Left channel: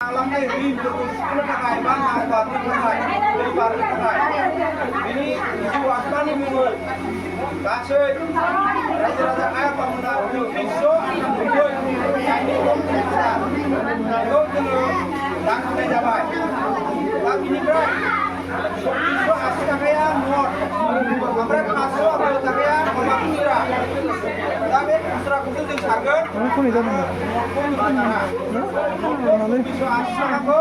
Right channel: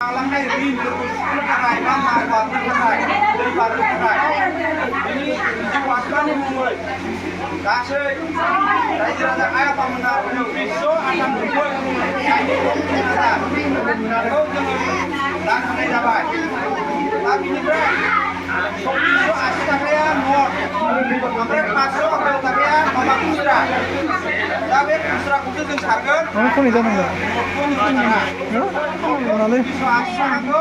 Alamnya ini betul terkait kan manfaat terkait lebar terkait ini diwaspadai nih mungkin kasih raja ayat pemenang besok akan membuat ini pemerintah lalu dan ini dapat tapi ini bro besok asal kalian mau mereka masuk atau kalian mau pusra tapi pusra khusus yang harga কোন জানো না মানে aku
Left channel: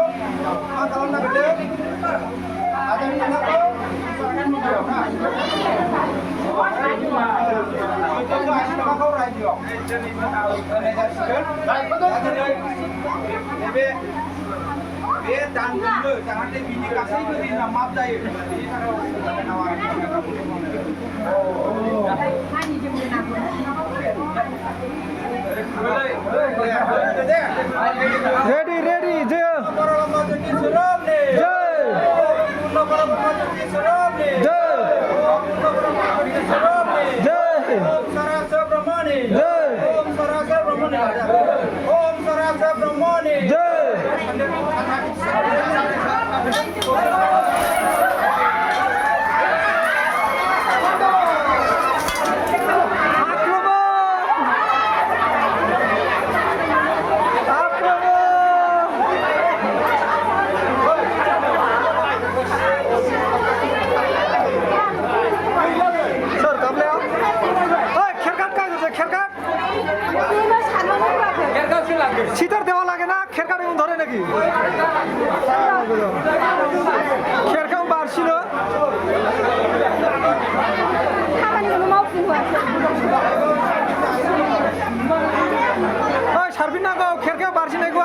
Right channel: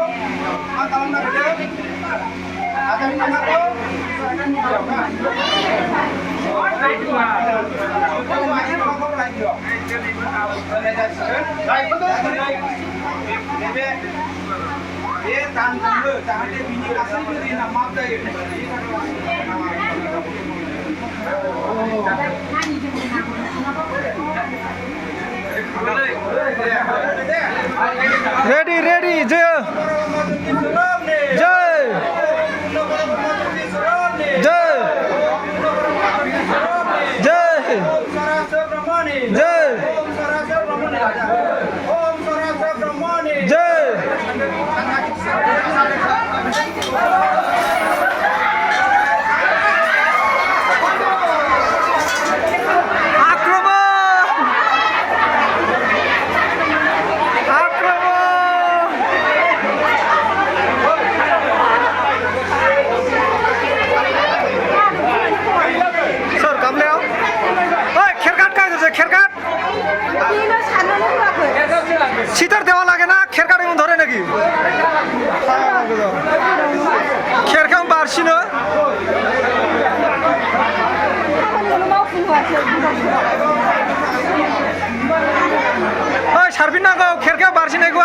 kalau nak ada yang nak tahu dia tan dulu jangan dia bini kasih beri nama apa ya ready jaya jay jay jay Om Sarasa Brahmani jay Om Sarasa Brahmani Om Sarasa Brahmani jay খেরকাট শীতের দেওয়া লাগে না খেরকাট এমন ধরে নাকি খেরকাম বাড়ছি না সারবি না গো খেরকাম বাড়ছি না গো